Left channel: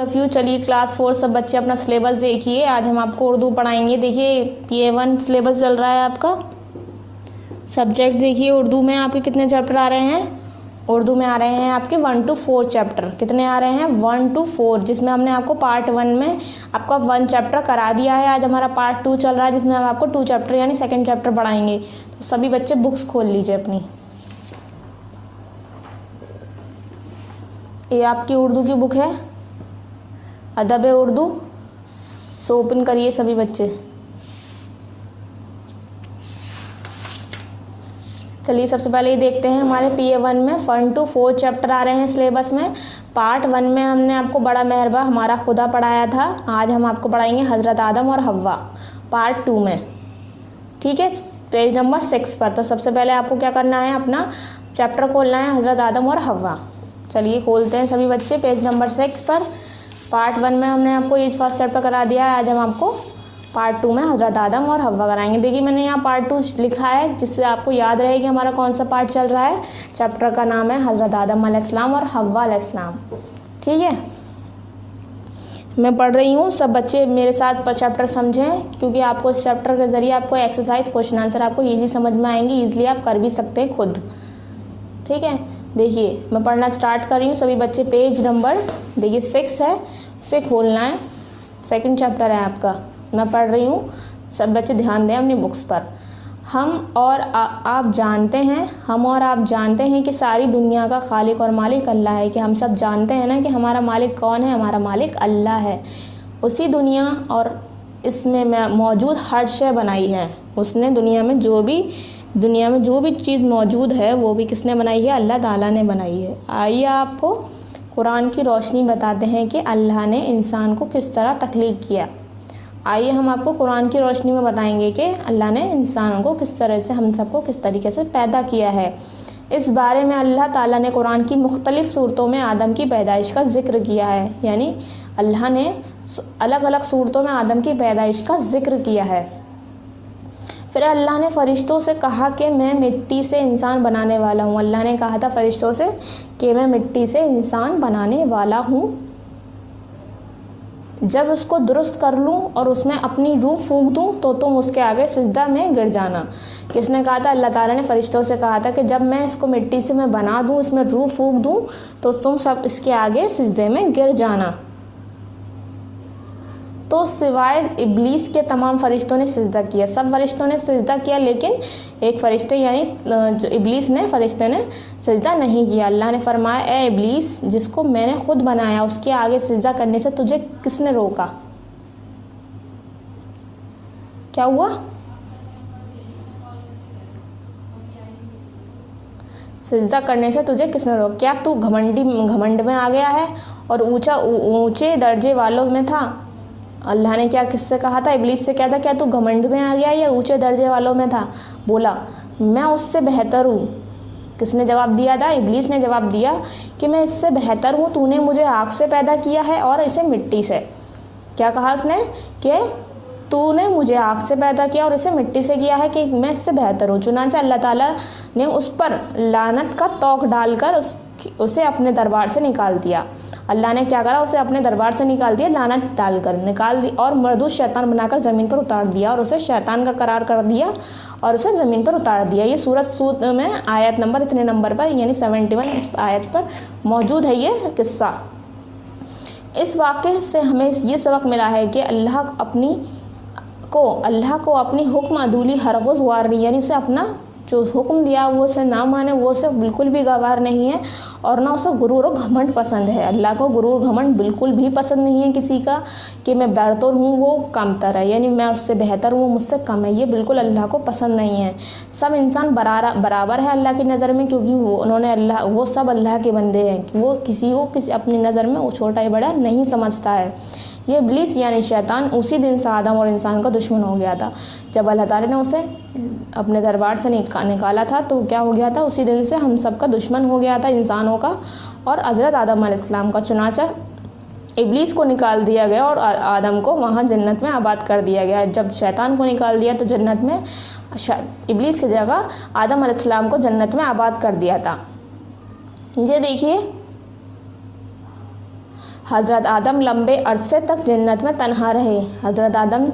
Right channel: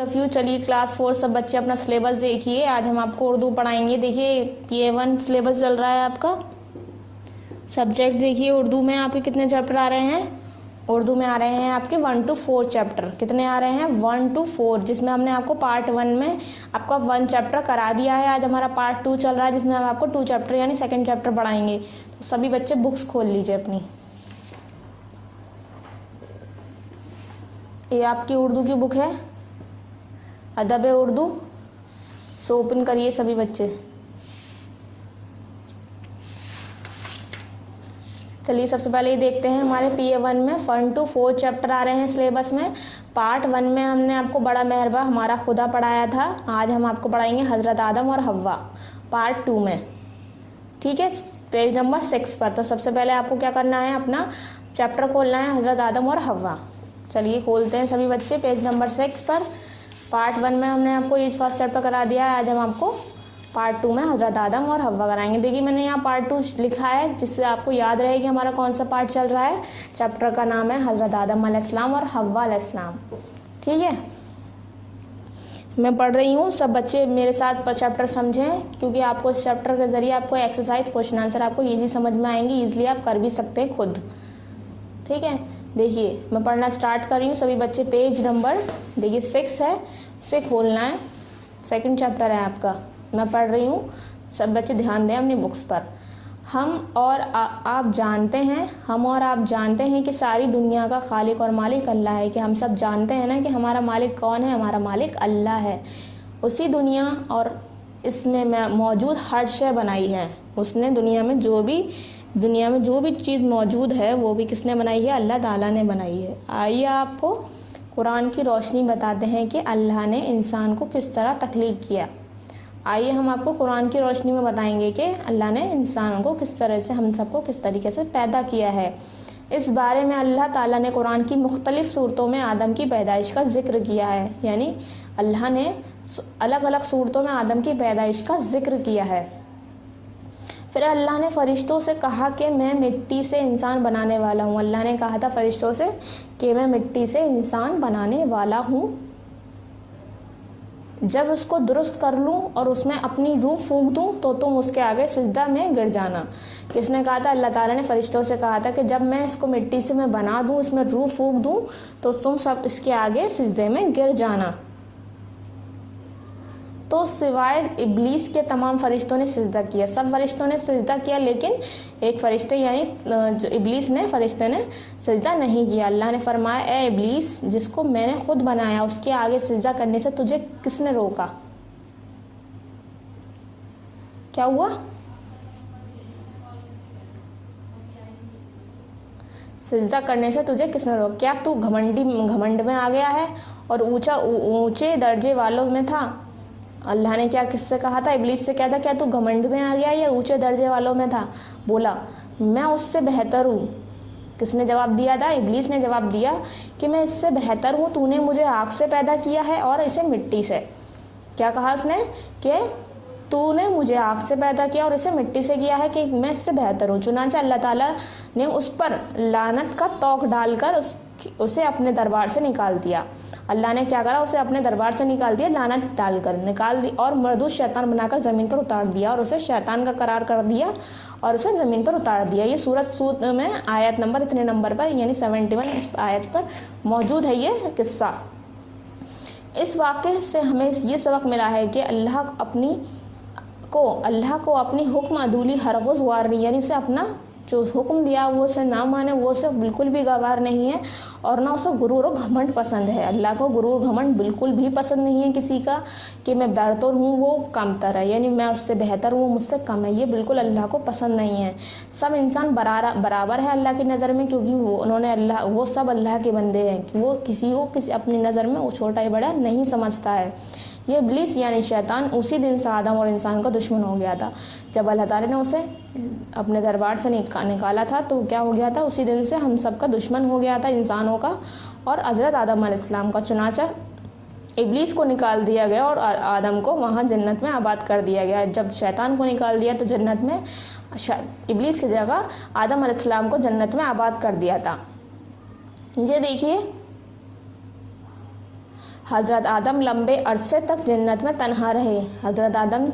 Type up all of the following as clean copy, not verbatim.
Of you. चलिए class 4 सब बच्चे अपना सिलेबस देखिए। आज हम आपको उर्दू पढ़ाएंगे। देखिए P1 सिलेबस चल रहा है आपका। सब्जेक्ट देखिए उर्दू में आपके कितने चैप्टर आ रहे हैं। उर्दू में आ रहे हैं आपके 1 to 4 चैप्टर। कितने आ रहे हैं 1 to 4, जिसमें हमने आपको पार्ट 1 में आपका 1 चैप्टर करा दिया है। आज हमारा पार्ट 2 चल रहा है जिसमें हम आपको 2 चैप्टर यानी सेकंड चैप्टर पढ़ाएंगे। तो सभी बच्चे बुक्स खोल लीजिए अपनी। ये आपकी उर्दू की बुक है, अदब उर्दू। सो ओपन करिए सभी बच्चे। चलिए सबसे पहले ये देखते हैं हमारे P1 में 1 to 4 चैप्टर आ रहे हैं सिलेबस में। पार्ट 1 में हमने आपको बड़ा मेहरबा हमारा खुदा पढ़ाया था। आज हम आपको पढ़ाएंगे हज़रत आदम और हव्वा पार्ट 2 में। ठीक है, पेज नंबर 6 पर। तो सबसे पहले आपको क्या करना है, अपना चैप्टर खोलना है हज़रत आदम और हव्वा। चलिए खोलते हैं सभी बच्चे पेज नंबर 6 पर। पार्ट 1 में हमने आपको ये फर्स्ट चैप्टर करा दिया है। आज हम आपको पार्ट 2 में हज़रत आदम और हव्वा कराएंगे। देखिए मैंने यहाँ पार्ट 2 लिखा है जिससे आपको याद रहे कि हमारा कौन सा पार्ट चल रहा है। चैप्टर का नाम है हज़रत आदम अलैहिस्सलाम और हव्वा अलैहिस्सलाम। ठीक है, मैं पढ़ रही हूँ, सब बच्चे मेरे साथ चैप्टर समझें, क्योंकि आपको इस चैप्टर के ज़रिए आपको एक्सरसाइज क्वेश्चन आंसर आपको ईजी समझ में आएंगे। ईजिली आप कर भी सकते हैं खुद। ठीक है, देखिए मैं पढ़ना स्टार्ट कर रही हूँ। सभी बच्चे पेज नंबर देखिए 6 है, इसे खोलना है। सेकंड चैप्टर है आपका, मैं पढ़ रही हूँ, सब बच्चे ध्यान दें अपनी बुक्स पर। हम और आप जानते हैं कि सारी दुनिया का खालिक और मालिक अल्लाह है। कि हम सब जानते हैं ना कि हमारा मालिक कौन है, हमारा मालिक अल्लाह है। उसी दुनिया और इसमें मौजूद हर शय बनाई है उसने। दुनिया में जो भी चीज़ मौजूद है वो भी किसने बनाई है, अल्लाह ताला ने बनाई है। आइए आपको कुरान की रोशनी बताते हैं कि अल्लाह ने इंसान को किस तरह तख्लीक किया। आइए हम आपको कुरान की रोशनी में बताएंगे कि अल्लाह ने इंसानों को किस तरह से, हम सबको किस तरीके से पैदा किया है। इस बारे में अल्लाह ताला ने कुरान की मुख्तलिफ सूरतों में आदम की पैदाइश का जिक्र किया है। यानी अल्लाह ने अलग अलग सूरतों में आदम की पैदाइश का जिक्र किया है। फिर अल्लाह ने फरिश्तों से कहा कि मैं मिट्टी से इंसान बनाने वाला हूँ। अल्लाह ने कहा था फरिश्तों से कि मैं मिट्टी से इंसान बनाने वाला हूँ। जब उसको दुरुस्त कर लूँ और उसमें अपनी रूह फूंक दूँ तो तुम उसके आगे सिजदा में गिर जाना। किसने कहा था, अल्लाह ताला ने फरिश्तों से कहा था कि जब मैं इसको मिट्टी से मैं बना दूँ, इसमें रूह फूंक दूँ तो तुम सब इसके आगे सिजदे में गिर जाना। तो सिवाय इब्लीस के तमाम फरिश्तों ने सिजदा किया। सब फरिश्तों ने सिजदा किया, लेकिन एक फरिश्ते यानी जो इब्लीस ने फरिश्ते ने सिजदा नहीं किया। अल्लाह ने फरमाया, ए इब्लीस, जिसको मैंने खुद बनाया उसके आगे सिजदा करने से तुझे किसने रोका? क्या हुआ? सिजदा करने से तुझे किसने रोका? क्या तू घमंड में आ गया है और ऊंचे दर्जे वालों में था? अल्लाह ने क्या किससे कहा था, इब्लीस से क्या था, क्या तू घमंड में आ गया या ऊंचे दर्जे वालों में था? बोला मैं उससे बेहतर हूँ। किसने जवाब दिया था? इब्लीस ने जवाब दिया कि मैं इससे बेहतर हूँ। तूने मुझे आग से पैदा किया है और इसे मिट्टी से। क्या कहा उसने कि तूने मुझे आग से पैदा किया और इसे मिट्टी से किया है, कि मैं इससे बेहतर हूँ। चुनांचे अल्लाह ताला ने उस पर लानत का तौक डालकर उसे अपने दरबार से निकाल दिया। अल्लाह ने क्या करा, उसे अपने दरबार से निकाल दिया, लानत डालकर निकाल दी और मरदूद शैतान बनाकर ज़मीन पर उतार दिया और उसे शैतान का करार कर दिया और उसे ज़मीन पर उतार दिया। ये सूरत सूद में आयत नंबर इतने नंबर पर यानी 71 इस आयत पर मौजूद है ये किस्सा। इस वाक़े से हमें ये सबक मिला है कि अल्लाह को अपनी हुक्म अदूली हरगिज़ गवार नहीं, यानी उसे अपना जो हुक्म दिया वो उसे ना माने, वो उसे बिल्कुल भी गवार नहीं है। और ना उसे गुरूर और घमंड पसंद है। अल्लाह को गुरूर घमंड बिल्कुल भी पसंद नहीं है किसी का, कि मैं बेहतर हूँ वो कमतर है, यानी मैं उससे बेहतर हूँ वो मुझसे कम है। ये बिल्कुल अल्लाह को पसंद नहीं है। सब इंसान बराबर है अल्लाह की नज़र में, क्योंकि वो सब अल्लाह के बंदे हैं। कि वो किसी को अपनी नज़र में वो छोटा या बड़ा नहीं समझता है। ये इब्लीस यानी शैतान उसी दिन से आदम और इंसान का दुश्मन हो गया था। जब अल्लाह ताला ने उसे अपने दरबार से निकाला था तो क्या हो गया था, उसी दिन से हम सब का दुश्मन हो गया था, इंसानों का और हज़रत आदम अलैहिस्सलाम का। चुनाचा इब्लीस को निकाल दिया गया और आदम को वहाँ जन्नत में आबाद कर दिया गया। जब शैतान को निकाल दिया तो जन्नत में इब्लीस की जगह आदम अलैहिस्सलाम को जन्नत में आबाद कर दिया था। ये देखिए हज़रत आदम लंबे अरसे तक जन्नत में तन्हा रहे। हज़रत आदम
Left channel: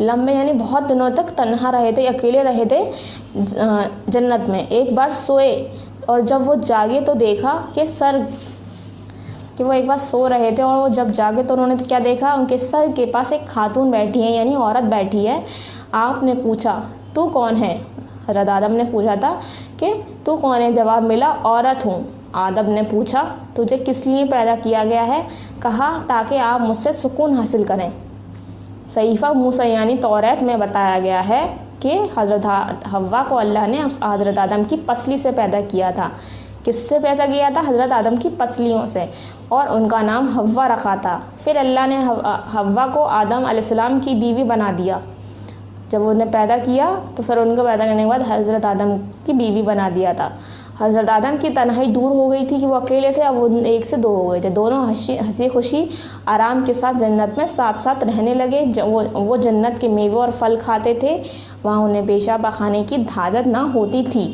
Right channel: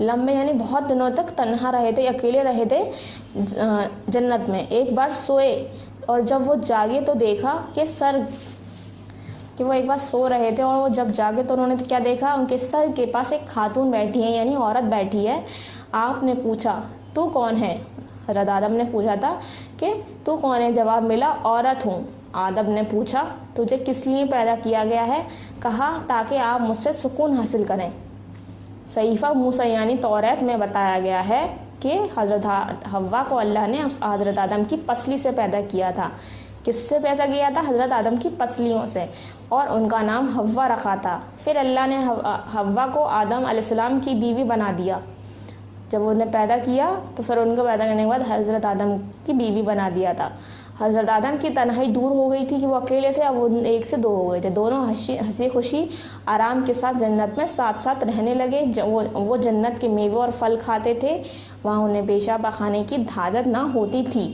लंबे यानी बहुत दिनों तक तन्हा रहे थे, अकेले रहे थे जन्नत में। एक बार सोए और जब वो जागे तो देखा कि वो एक बार सो रहे थे और वो जब जागे तो उन्होंने क्या देखा, उनके सर के पास एक खातून बैठी है यानी औरत बैठी है। आपने पूछा तू कौन है? हज़रत आदम ने पूछा था कि तू कौन है? जवाब मिला औरत हूँ। आदम ने पूछा तुझे किस लिए पैदा किया गया है? कहा ताकि आप मुझसे सुकून हासिल करें। सहीफ़ा मूसा यानी तौरात में बताया गया है कि हज़रत हव्वा को अल्लाह ने उस हज़रत आदम की पसली से पैदा किया था। किससे पैदा किया था? हज़रत आदम की पसलियों से, और उनका नाम हव्वा रखा था। फिर अल्लाह ने हव्वा को आदम अलैहिस्सलाम की बीवी बना दिया। जब उन्हें पैदा किया तो फिर उनको पैदा करने के बाद हज़रत आदम की बीवी बना दिया था। हज़रत आदम की तन्हाई दूर हो गई थी कि वो अकेले थे, अब वो एक से दो हो गए थे। दोनों हंसी खुशी आराम के साथ जन्नत में साथ साथ रहने लगे। वो जन्नत के मेवे और फल खाते थे। वहाँ उन्हें पेशाब खाने की धाजत ना होती थी।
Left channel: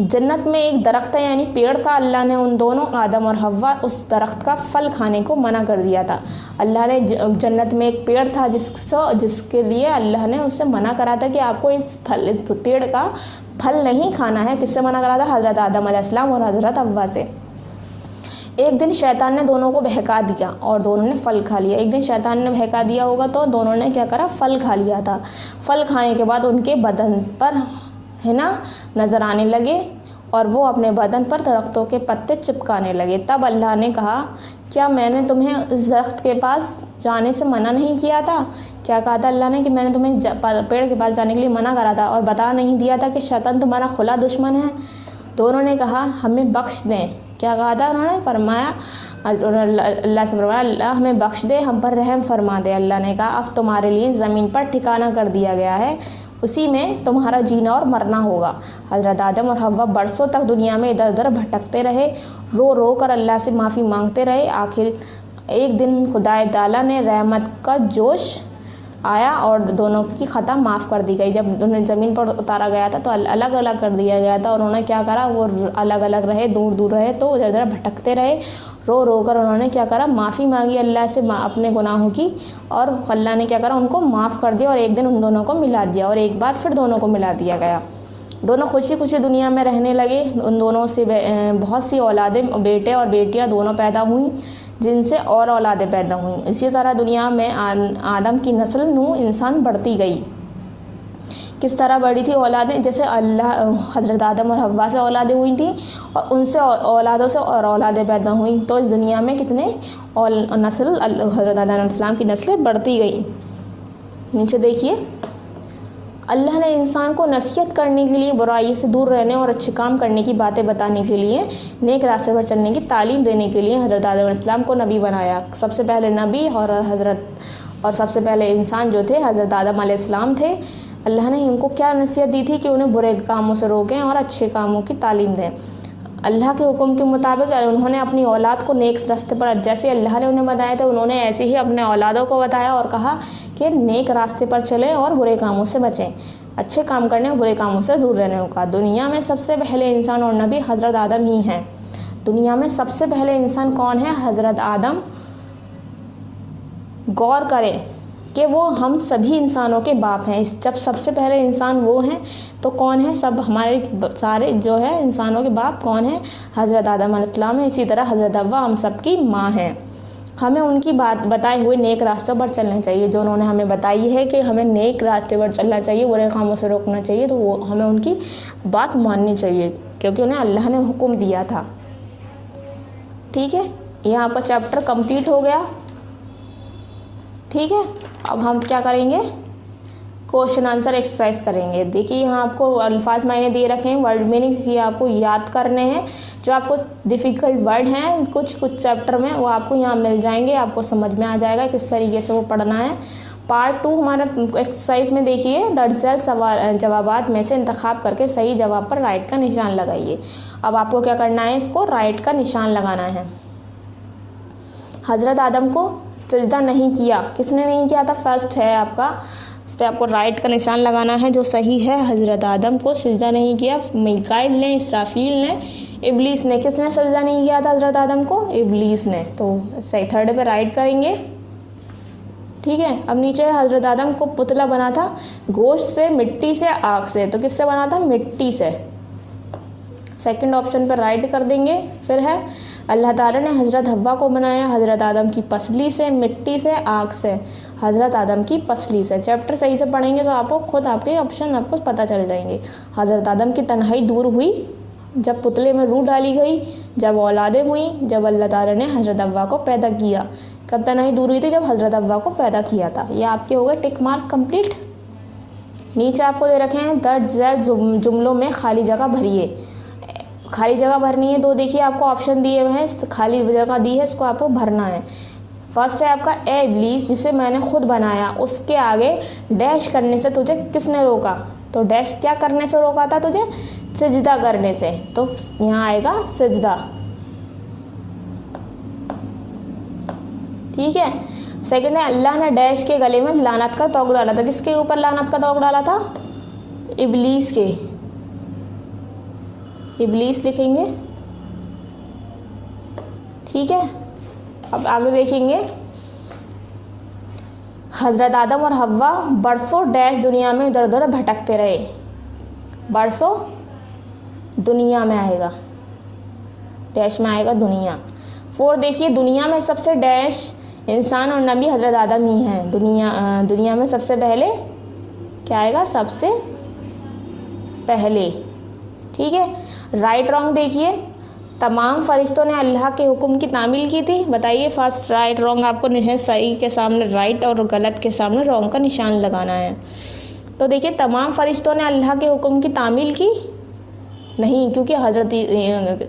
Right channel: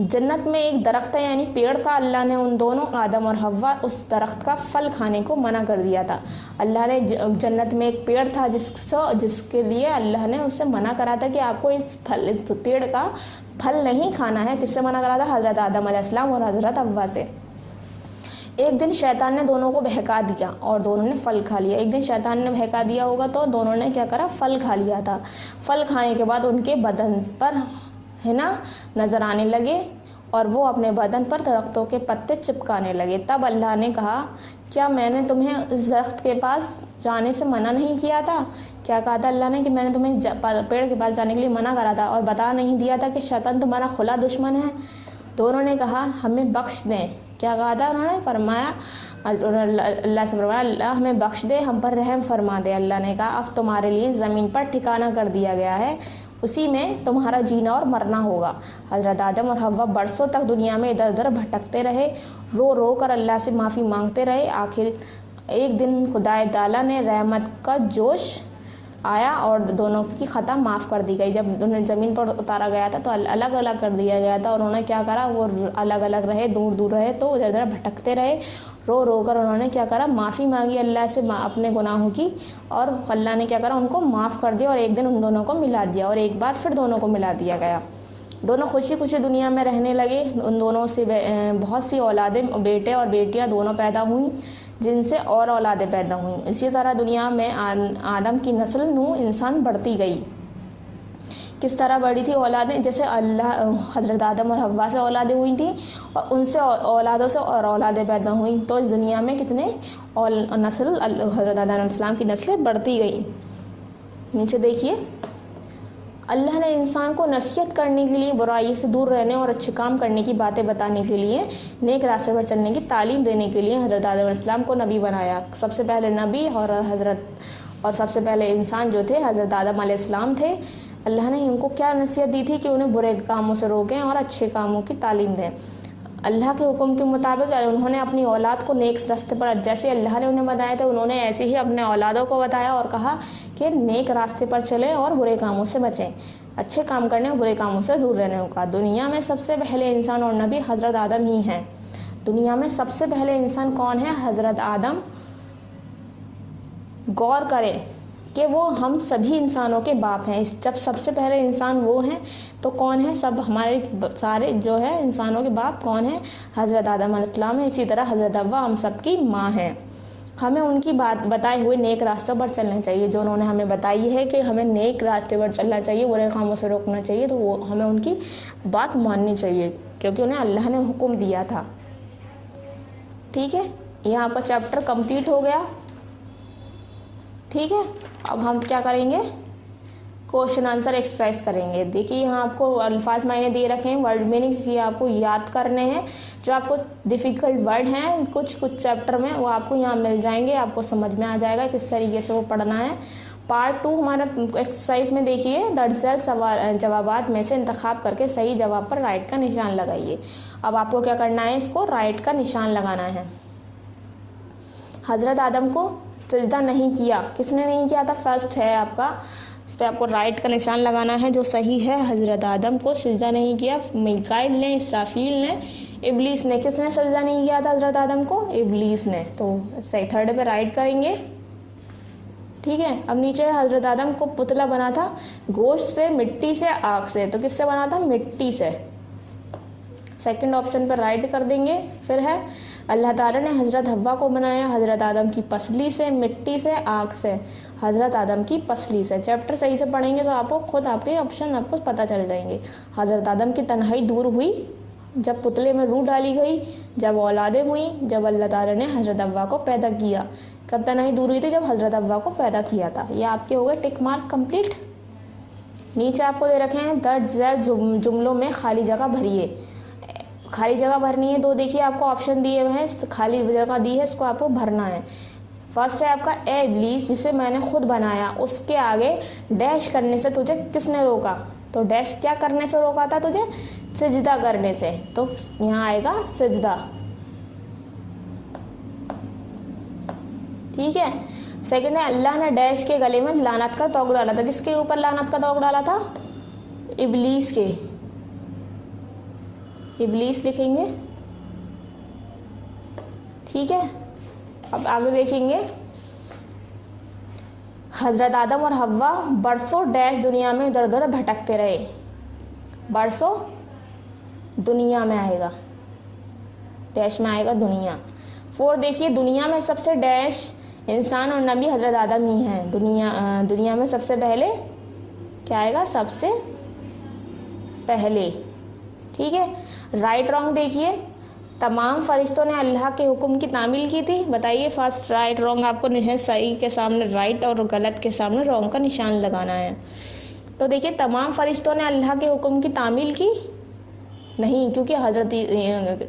जन्नत में एक दरख्त यानी पेड़ था। अल्लाह ने उन दोनों आदम और हव्वा उस दरख्त का फल खाने को मना कर दिया था। अल्लाह ने जन्नत में एक पेड़ था जिसके लिए अल्लाह ने उसे मना करा था कि आपको इस पेड़ का फल नहीं खाना है। किससे मना करा था? हज़रत आदम अलैहिस्सलाम और हज़रत हव्वा से। एक दिन शैतान ने दोनों को बहका दिया और दोनों ने फल खा लिया। एक दिन शैतान ने बहका दिया होगा तो दोनों ने क्या करा? फल खा लिया था। फल खाने के बाद उनके बदन पर नज़र आने लगे और वो अपने बदन पर दरख्तों के पत्ते चिपकाने लगे। तब अल्लाह ने कहा क्या मैंने तुम्हें इस दरख्त के पास जाने से मना नहीं किया था? क्या कहा था अल्लाह ने कि मैंने तुम्हें पेड़ के पास जाने के लिए मना करा था और बता नहीं दिया था कि शैतान तुम्हारा खुला दुश्मन है? दोनों ने कहा हमें बख्श दें। क्या कहा था उन्होंने? फरमाया अल्लाह से फरमाया अल्लाह हमें बख्श दे, हम पर रहम फरमा दे। अल्लाह ने कहा अब तुम्हारे लिए ज़मीन पर ठिकाना कर दिया गया है, उसी में तुम्हारा जीना और मरना होगा। हज़रत आदम और हव्वा बरसों तक दुनिया में इधर उधर भटकते रहे, रो रो कर अल्लाह से माफ़ी मांगते रहे। आखिर एक दिन खुदाए ताला ने रहमत का जोश आया और दोनों की ख़ता माफ़ कर दी गई। जब उन्हें ज़मीन पर उतारा गया था तो अलग अलग कर दिया गया था और उन्होंने क्या करा? वो अलग अलग रहे, दूर दूर रहे, तो इधर उधर भटकते रहे। रो रो कर उन्होंने क्या करा? माफ़ी मांगी अल्लाह से अपने गुनाहों की, और अल्लाह ने क्या करा? उनको माफ़ कर दिया और एक दिन उन दोनों को मिला दिया और एक बार फिर दोनों को मिला दिया गया। दोनों खुशी खुशी दुनिया में रहने लगे। उन दोनों से बहुत सी औलादें, बेटे और बेटियां दोनों पैदा हुई, जिनसे और औलादें पैदा हुई। इसी तरह दुनिया में आदम की नस्ल नूह इंसान बढ़ती गई। किस तरह बढ़ी थी औलादें? जैसे हज़रत आदम और हव्वा से औलादें हुई थी और उनसे औलादों से और औलादें पैदा हुई, तो इस दुनिया में कितने नस्ल हज़रत आदम अलैहिस्सलाम की नस्लें बढ़ती गई। नीचे देखिए, अल्लाह ने इंसान को नसीहत करने के लिए, बुराई से दूर रहने और अच्छे काम करने की बातें बताने के लिए, नेक रास्ते पर चलने की तालीम देने के लिए हज़रत आदम अलैहिस्सलाम को नबी बनाया। सबसे पहले नबी और सबसे पहले इंसान जो थे हज़रत आदम अलैहिस्सलाम थे। अल्लाह ने उनको क्या नसीहत दी थी कि उन्हें बुरे कामों से रोकें और अच्छे कामों की तालीम दें। अल्लाह के हुक्म के मुताबिक उन्होंने अपनी औलाद को नेक रास्ते पर, जैसे अल्लाह ने उन्हें बताया था, उन्होंने ऐसे ही अपने औलादों को बताया और कहा कि नेक रास्ते पर चलें और बुरे कामों से बचें, अच्छे काम करने और बुरे कामों से दूर रहने का। दुनिया में सबसे पहले इंसान और नबी हज़रत आदम ही हैं। दुनिया में सबसे पहले इंसान कौन है? हज़रत आदम। गौर करें कि वो हम सभी इंसानों के बाप हैं। जब सबसे पहले इंसान वो हैं तो कौन है? सब हमारे सारे जो है इंसानों के बाप कौन है? हज़रत आदम अलैहिस्सलाम है। इसी तरह हज़रत हव्वा हम सब की माँ हैं। हमें उनकी बात बताए हुए नेक रास्तों पर चलना चाहिए। जो उन्होंने हमें बताई है कि हमें नेक रास्ते पर चलना चाहिए, बुरे कामों से रोकना चाहिए, तो वो हमें उनकी बात माननी चाहिए क्योंकि उन्हें अल्लाह ने हुक्म दिया था। ठीक है, यह आपका चैप्टर कंप्लीट हो गया। ठीक है, अब हम क्या करेंगे? क्वेश्चन आंसर एक्सरसाइज करेंगे। देखिए यहाँ आपको अल्फाज मायने दिए रखे हैं, वर्ड मीनिंग्स ये आपको याद करने हैं। जो आपको डिफ़िकल्ट वर्ड हैं कुछ चैप्टर में वो आपको यहाँ मिल जाएंगे, आपको समझ में आ जाएगा किस तरीके से वो पढ़ना है। पार्ट 2 हमारा एक्सरसाइज में देखिए, दरअसल जवाबात में से इंतखाब करके सही जवाब पर राइट का निशान लगाइए। अब आपको क्या करना है? इसको राइट का निशान लगाना है। हज़रत आदम को सजदा नहीं किया, किसने नहीं किया था? फर्स्ट है आपका, इस पर आपको राइट का निशान लगाना है जो सही है। हज़रत आदम को सजदा नहीं किया, मीकाईल ने, इसराफील ने, इब्लीस ने। किसने सजदा नहीं किया था हजरत आदम को? इब्लीस ने। तो सही, थर्ड पे राइट करेंगे। ठीक है, अब नीचे हजरत आदम को पुतला बना था गोश्त से, मिट्टी से, आग से। तो किससे बना था? मिट्टी से। सेकंड ऑप्शन पर राइट कर देंगे। फिर है अल्लाह ताला ने हजरत हव्वा को बनाया हजरत आदम की पसली से, मिट्टी से, आग से। हजरत आदम की पसली से। चैप्टर सही से पढ़ेंगे तो आपको खुद आपके ऑप्शन आपको पता चल जाएंगे। हजरत आदम की तन्हाई दूर हुई जब पुतले में रूह डाली गई, जब औलादें हुई, जब अल्लाह ताला ने हजरत हव्वा को पैदा किया। कब तन्हाई दूर हुई थी? जब हजरत हव्वा को पैदा किया था। ये आपके हो गए टिक मार्क कंप्लीट। नीचे आपको दे रखे हैं दर्ज झैल जुमलों में खाली जगह भरिए। खाली जगह भरनी है। दो देखिए आपको ऑप्शन दिए हुए हैं, खाली जगह दी है, इसको आपको भरना है। फर्स्ट है आपका ए इब्लीस जिसे मैंने खुद बनाया, उसके आगे डैश करने से तुझे किसने रोका? तो डैश क्या करने से रोका था तुझे? सजदा करने से। तो यहाँ आएगा सजदा। ठीक है। सेकंड है अल्लाह ने डैश के गले में लानत का तोग डाला था। किसके ऊपर लानत का तोग डाला था? इब्लीस के। इब्लीस लिखेंगे। ठीक है, अब आगे देखेंगे। हजरत आदम और हव्वा बरसों डैश दुनिया में इधर उधर भटकते रहे। बरसों दुनिया में आएगा, डैश में आएगा दुनिया। 4 देखिए दुनिया में सबसे डैश इंसान और नबी हजरत आदम ही हैं। दुनिया में सबसे पहले क्या आएगा? सबसे पहले। ठीक है, राइट रॉन्ग देखिए। तमाम फरिश्तों ने अल्लाह के हुक्म की तामील की थी। बताइए फर्स्ट राइट रॉन्ग आपको निशान सही के सामने राइट और गलत के सामने रॉन्ग का निशान लगाना है। तो देखिए तमाम फरिश्तों ने अल्लाह के हुक्म की तामील की नहीं, क्योंकि हजरत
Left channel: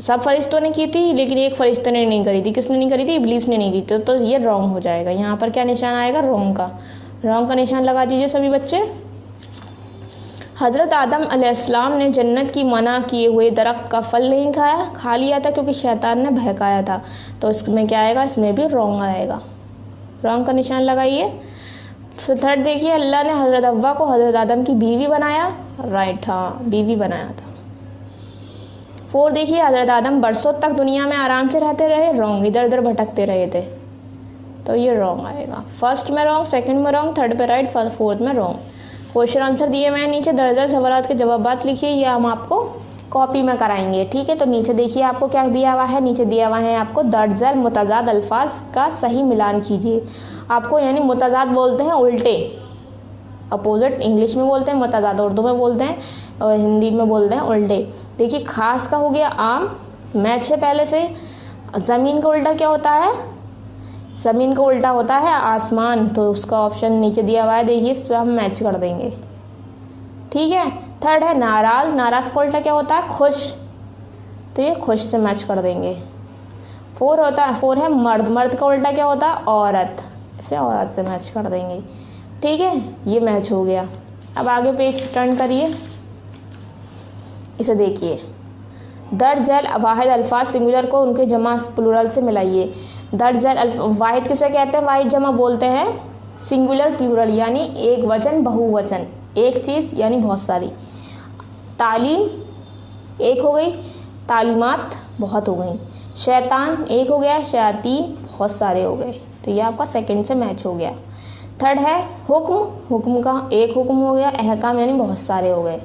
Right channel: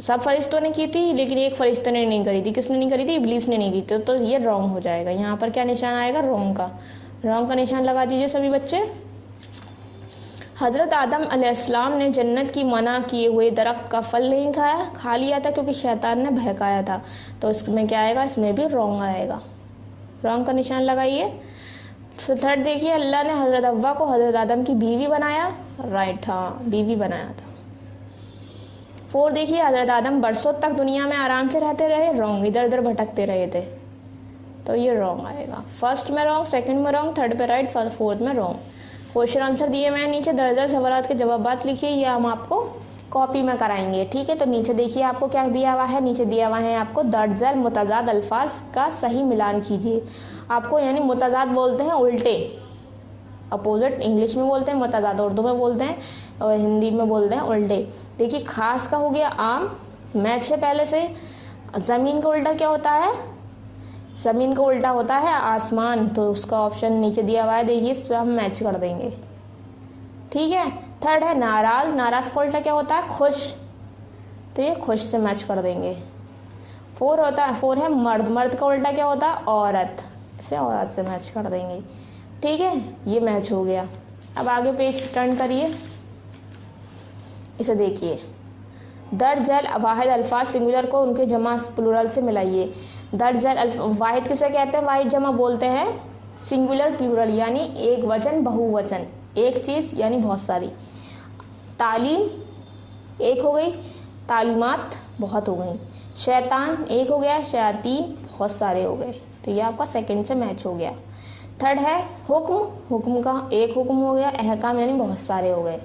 सब फरिश्तों ने की थी लेकिन एक फरिश्ते ने नहीं करी थी। किसने नहीं करी थी? इब्लीस ने नहीं की थी। तो ये रॉन्ग हो जाएगा। यहाँ पर क्या निशान आएगा? रॉन्ग का। रॉन्ग का निशान लगा दीजिए सभी बच्चे। हज़रत आदम अलैहिस्सलाम ने जन्नत की मना किए हुए दरख्त का फल नहीं खाया, खा लिया था क्योंकि शैतान ने बहकाया था। तो इसमें क्या आएगा? इसमें भी रॉन्ग आएगा। रॉन्ग का निशान लगाइए। तो थर्ड देखिए अल्लाह ने हज़रत हव्वा को हज़रत आदम की बीवी बनाया। राइट, हाँ बीवी बनाया था। 4 देखिए हज़रत आदम बरसों तक दुनिया में आराम से रहते रहे। रॉन्ग, इधर उधर भटकते रहे थे। तो ये रॉन्ग आएगा। फर्स्ट में रॉन्ग, सेकंड में रॉन्ग, थर्ड पे राइट, फोर्थ में रॉन्ग। क्वेश्चन आंसर दिए मैं नीचे दर्जन सवालात के जवाबात लिखिए। ये हम आपको कॉपी में कराएंगे। ठीक है, तो नीचे देखिए आपको क्या दिया हुआ है। नीचे दिया हुआ है आपको दर्जल मुतजाद अल्फाज का सही मिलान कीजिए। आपको यानी मुतजाद बोलते हैं उल्टे, अपोजिट इंग्लिश में बोलते हैं, मुतजाद उर्दू में बोलते हैं और हिंदी में बोलते हैं उल्टे। देखिए खास का हो गया आम, मैच है पहले से। ज़मीन का उल्टा क्या होता है? ज़मीन का उल्टा होता है आसमान। तो उसका ऑप्शन नीचे दिया हुआ है, देखिए सब मैच कर देंगे। ठीक है। थर्ड है नाराज़, नाराज़ का उल्टा क्या होता है? खुश। तो ये खुश से मैच कर देंगे। 4 है मर्द, मर्द का उल्टा क्या होता है? औरत। इसे औरत से मैच कर देंगे। ठीक है, ये मैच हो गया। अब आगे पेज टर्न करिए, इसे देखिए। दर्ज झैल वाहिद अल्फाज सिंगुलर को उनके जमा प्लूरल से मिलाइए। दर्ज झैल वाहिद किसे कहते हैं? वाहिद जमा बोलते हैं सिंगुलर प्लूरल यानी एक वचन बहुवचन, एक चीज़ यानी बहुत सारी। तालीम एक हो गई, तालीमात बहुत हो गई। शैतान एक हो गया, शयातीन बहुत सारे हो गए। तो ये आपका सेकंड से मैच हो गया। थर्ड है हुक्म, हुक्म का एक हुक्म हो गया, अहकाम यानी बहुत सारे हो गए।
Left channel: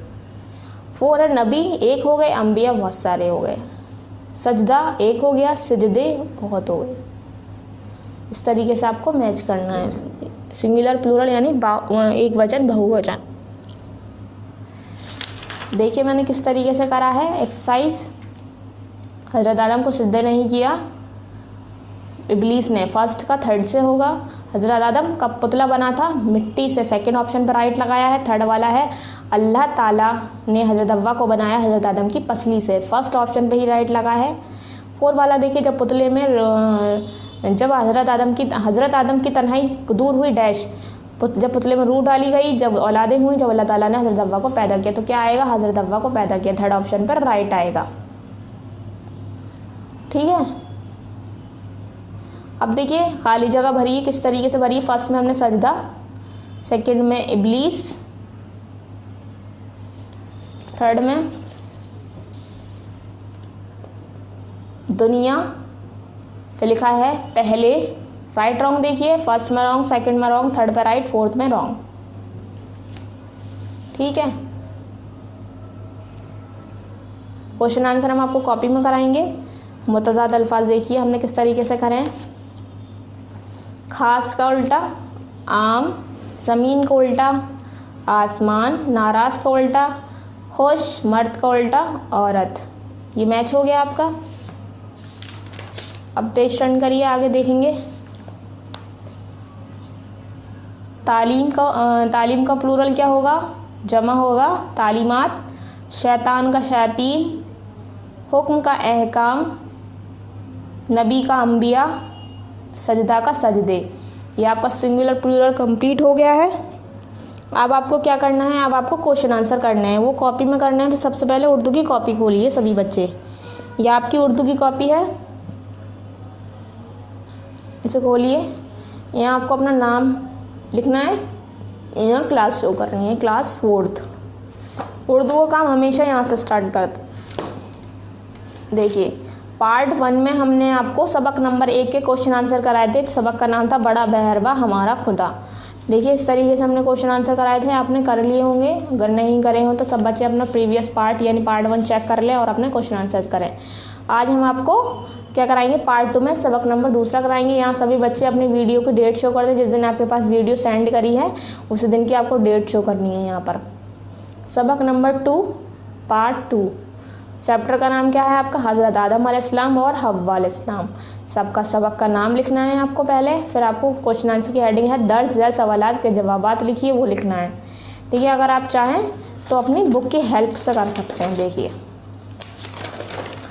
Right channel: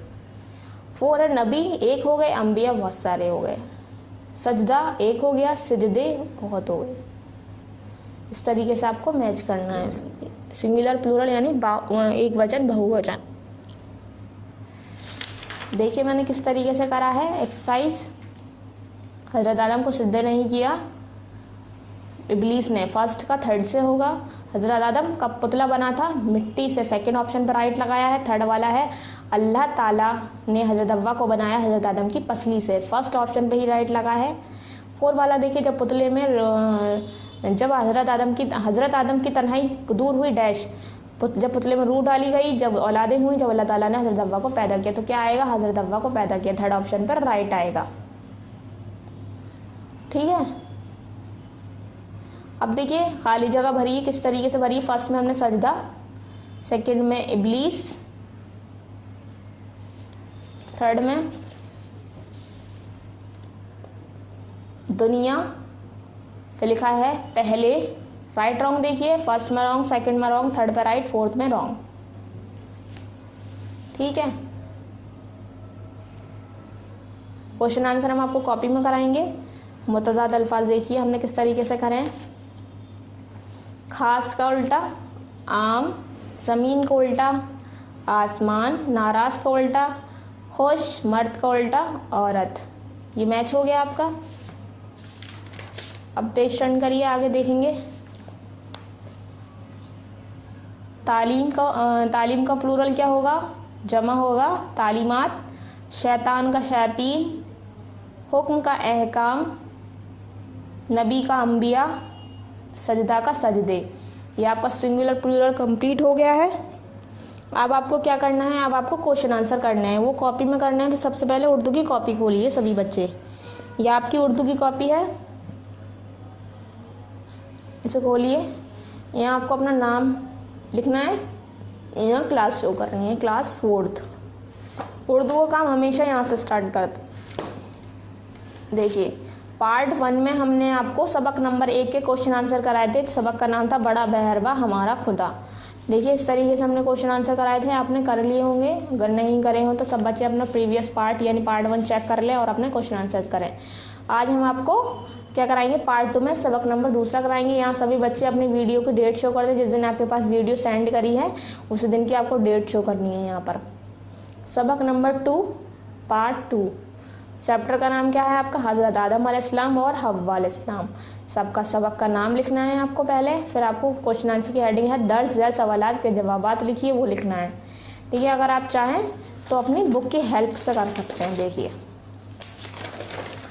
4 है नबी एक हो गए, अम्बिया बहुत सारे हो गए। सजदा एक हो गया, सजदे बहुत हो गए। इस तरीके से आपको मैच करना है, सिंगुलर प्लूरल यानी एक वचन बहुवचन। देखिए मैंने किस तरीके से करा है एक्सरसाइज। हज़रत आदम को सजदा नहीं किया इब्लीस ने, फर्स्ट का थर्ड से होगा। हज़रत आदम का पुतला बना था मिट्टी से, सेकंड ऑप्शन पर राइट लगाया है। थर्ड वाला है अल्लाह ताला ने हज़रत हव्वा को बनाया हज़रत आदम की पसली से, फर्स्ट ऑप्शन पे ही राइट लगा है। 4 वाला देखिए जब पुतले में जब हज़रत आदम की तन्हाई दूर हुई डैश, जब पुतले में रूह डाली गई, जब औलादें हुई, जब अल्लाह ताला ने हज़रत हव्वा को पैदा किया। तो क्या आएगा? हज़रत हव्वा को पैदा किया, थर्ड ऑप्शन पर राइट आएगा। ठीक है, अब देखिए खाली जगह भरी है, किस तरीके से भरी है। फर्स्ट में हमने सजदा, सेकंड में इब्लीस, थर्ड में दुनिया, फिर लिखा है पहले, राइट रॉन्ग देखिए, फर्स्ट में रॉन्ग, सेकंड में रॉन्ग, थर्ड पे राइट, फोर्थ में रॉन्ग। ठीक है, क्वेश्चन आंसर हम आपको कॉपी में कराएंगे। मुतज़ाद अल्फाज देखिए हमने किस तरीके से करें। खास का उल्टा आम, ज़मीन का उल्टा आसमान, नाराज़ का उल्टा खुश, मर्द का उल्टा औरत। ये मैच हो गया आपका। अब पेज टर्न करिए, आगे देखेंगे। तालीम का प्लूरल क्या होगा, जमा होगा तालीमात, शैतान का शैतीन, हुक्म का अहकाम, नबी का अंबिया, सजदा का सजदे। ये आपका सिंगुलर प्लूरल कंप्लीट हो गया है। अब आपको क्या करना है, अब आपको क्वेश्चन आंसर करना है, वो कॉपी में करना है। तो सबसे पहले उर्दू की कॉपी खोलिए सभी बच्चे। ये आपकी उर्दू की कॉपी है, इसे खोलिए। यहाँ आपको अपना नाम लिखना है, यहाँ क्लास शो करनी है, क्लास 4th। उर्दू का काम हमेशा यहाँ से स्टार्ट करते। देखिए पार्ट 1 में हमने आपको सबक नंबर 1 के क्वेश्चन आंसर कराए थे। सबक का नाम था बड़ा मेहरबा हमारा खुदा। देखिए इस तरीके से हमने क्वेश्चन आंसर कराए थे, आपने कर लिए होंगे। अगर नहीं करे हो तो सब बच्चे अपना प्रीवियस पार्ट यानी पार्ट 1 चेक कर लें और अपने क्वेश्चन आंसर करें। आज हम आपको क्या कराएंगे, पार्ट 2 में सबक नंबर 2 कराएंगे। यहाँ सभी बच्चे अपनी वीडियो की डेट शो कर दें। जिस दिन आपके पास वीडियो सेंड करी है उसी दिन की आपको डेट शो करनी है। यहाँ पर सबक नंबर 2 पार्ट 2, चैप्टर का नाम क्या है आपका, हज़रत आदम अलैहिस्सलाम और हव्वा अलैहिस्सलाम। सबका सबक का नाम लिखना है आपको पहले, फिर आपको क्वेश्चन आंसर की हेडिंग है दर्ज झेल सवालात के जवाबात लिखिए, वो लिखना है। ठीक है, अगर आप चाहें तो अपनी बुक की हेल्प से कर सकते हैं। देखिए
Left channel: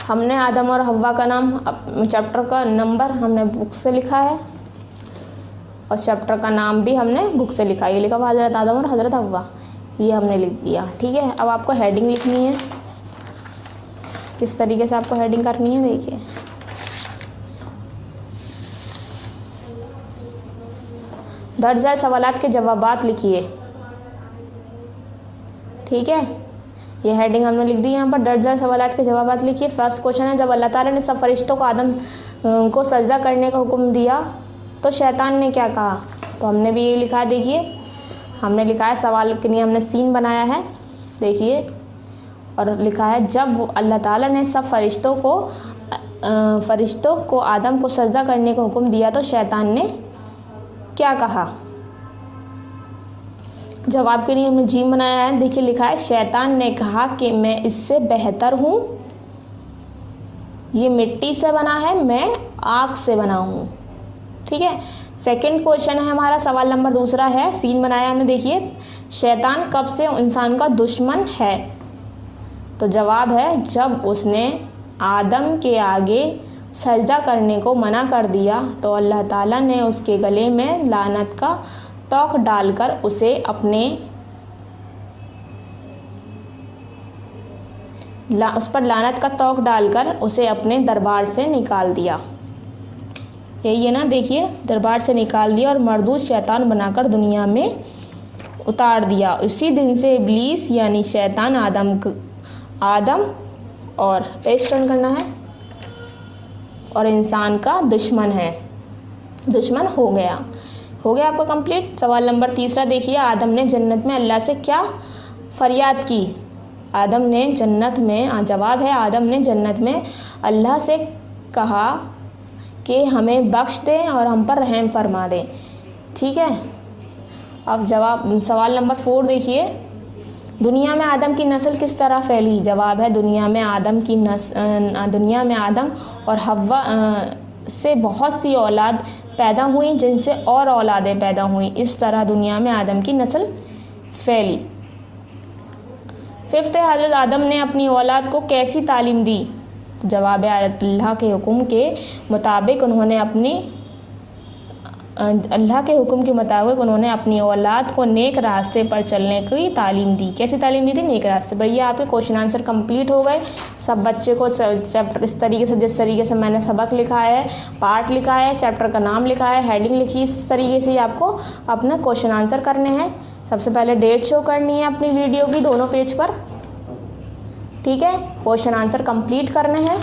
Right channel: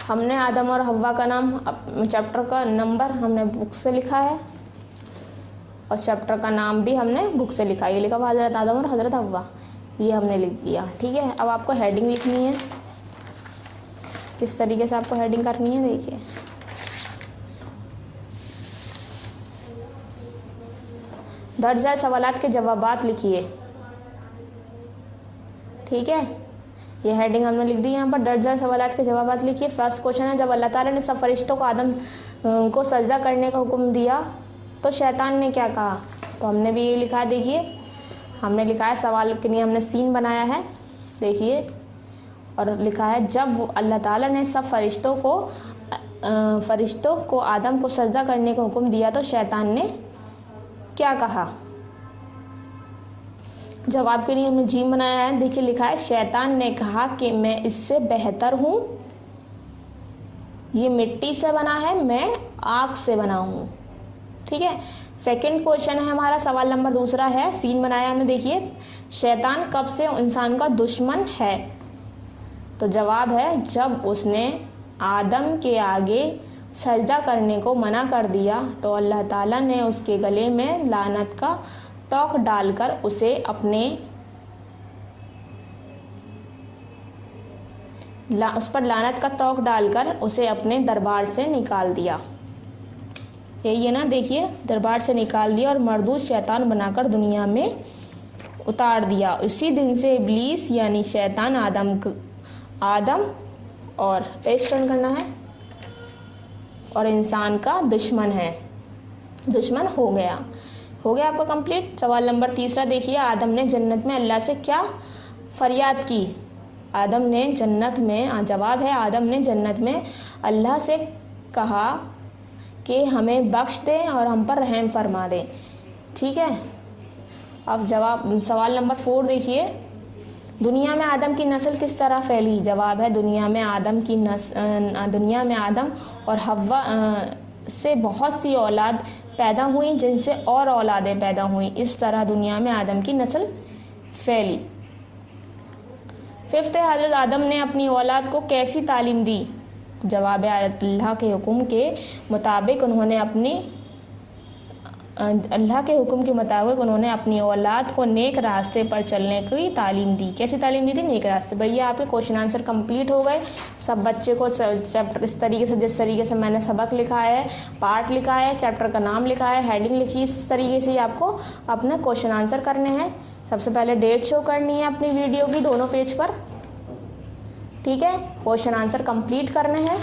हमने आदम और हव्वा का नाम, चैप्टर का नंबर हमने बुक से लिखा है और चैप्टर का नाम भी हमने बुक से लिखा है। ये लिखा हुआ हज़रत आदम और हज़रत हव्वा, ये हमने लिख दिया। ठीक है, अब आपको हेडिंग लिखनी है। किस तरीके से आपको हेडिंग करनी है, देखिए दर्ज झेल सवालात के जवाबात लिखिए। ठीक है, ये हेडिंग हमने लिख दी। यहाँ पर दर्ज झेल सवालात के जवाबात लिखिए। फर्स्ट क्वेश्चन है, जब अल्लाह ताला ने सब फरिश्तों को आदम को सजदा करने का हुक्म दिया तो शैतान ने क्या कहा। तो हमने भी ये लिखा है, देखिए हमने लिखा है सवाल के लिए हमने सीन बनाया है, देखिए, और लिखा है जब अल्लाह ताला ने सब फरिश्तों को आदम को सजदा करने का हुक्म दिया तो शैतान ने क्या कहा। जवाब के लिए हमने जीम बनाया है, देखिए लिखा है शैतान ने कहा कि मैं इससे बेहतर हूँ, ये मिट्टी से बना है, मैं आग से बना हूँ। ठीक है, सेकंड क्वेश्चन है हमारा, सवाल नंबर 2 है, सीन बनाया हमने, देखिए शैतान कब से इंसान का दुश्मन है। तो जवाब है जब उसने आदम के आगे सजदा करने को मना कर दिया तो अल्लाह ताला ने उसके गले में लानत का तोक डालकर उसे उस पर लानत का तोक डालकर उसे अपने दरबार से निकाल दिया। यही है ना, देखिए दरबार से निकाल दिया और मरदूद शैतान बनाकर दुनिया में उतार दिया। उसी दिन से इब्लीस यानी शैतान आदम और पेश टर्न करना है और इंसान का दुश्मन है, दुश्मन हो गया आपका कंप्लीट। सवाल नंबर 3 देखिए, आदम ने जन्नत में अल्लाह से क्या फरियाद की। आदम ने जन्नत में, जवाब है आदम ने जन्नत में अल्लाह से कहा कि हमें बख्श दें और हम पर रहम फरमा दें। ठीक है, अब जवाब सवाल नंबर 4 देखिए, दुनिया में आदम की नस्ल किस तरह फैली। जवाब है दुनिया में आदम और हव्वा से बहुत सी औलाद पैदा हुई जिनसे और औलादें पैदा हुई, इस तरह दुनिया में आदम की नस्ल फैली। 5th है, हज़रत आदम ने अपनी औलाद को कैसी तालीम दी। तो जवाब है अल्लाह के हुक्म के मुताबिक उन्होंने अपनी औलाद को नेक रास्ते पर चलने की तालीम दी। कैसी तालीम दी थी, नेक रास्ते पर। ये आपके क्वेश्चन आंसर कंप्लीट हो गए। सब बच्चे को चैप्टर इस तरीके से, जिस तरीके से मैंने सबक लिखा है, पार्ट लिखा है, चैप्टर का नाम लिखा है, हेडिंग लिखी, इस तरीके से आपको अपना क्वेश्चन आंसर करने हैं। सबसे पहले डेट शो करनी है अपनी वीडियो की दोनों पेज पर। ठीक है, क्वेश्चन आंसर कंप्लीट करने हैं।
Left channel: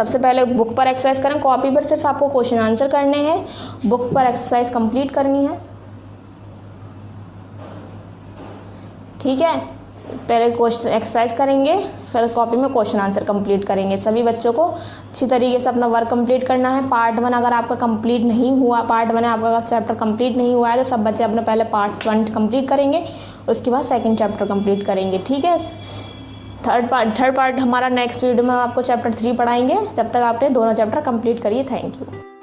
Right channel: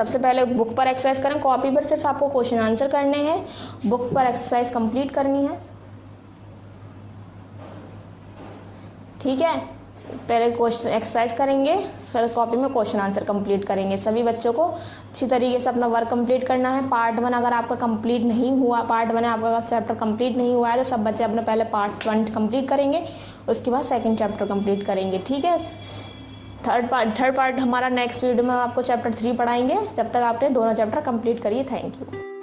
सबसे पहले बुक पर एक्सरसाइज करें, कॉपी पर सिर्फ आपको क्वेश्चन आंसर करने हैं, बुक पर एक्सरसाइज कंप्लीट करनी है। ठीक है, पहले क्वेश्चन एक्सरसाइज करेंगे, फिर कॉपी में क्वेश्चन आंसर कंप्लीट करेंगे। सभी बच्चों को अच्छी तरीके से अपना वर्क कंप्लीट करना है। पार्ट 1 अगर आपका कंप्लीट नहीं हुआ, पार्ट 1 आपका चैप्टर कंप्लीट नहीं हुआ है तो सब बच्चे अपने पहले पार्ट 1 कंप्लीट करेंगे, उसके बाद सेकंड चैप्टर कंप्लीट करेंगे। ठीक है, थर्ड पार्ट हमारा नेक्स्ट वीडियो में आपको चैप्टर 3 पढ़ाएंगे। जब तक आपने दोनों चैप्टर कंप्लीट करिए। Thank you.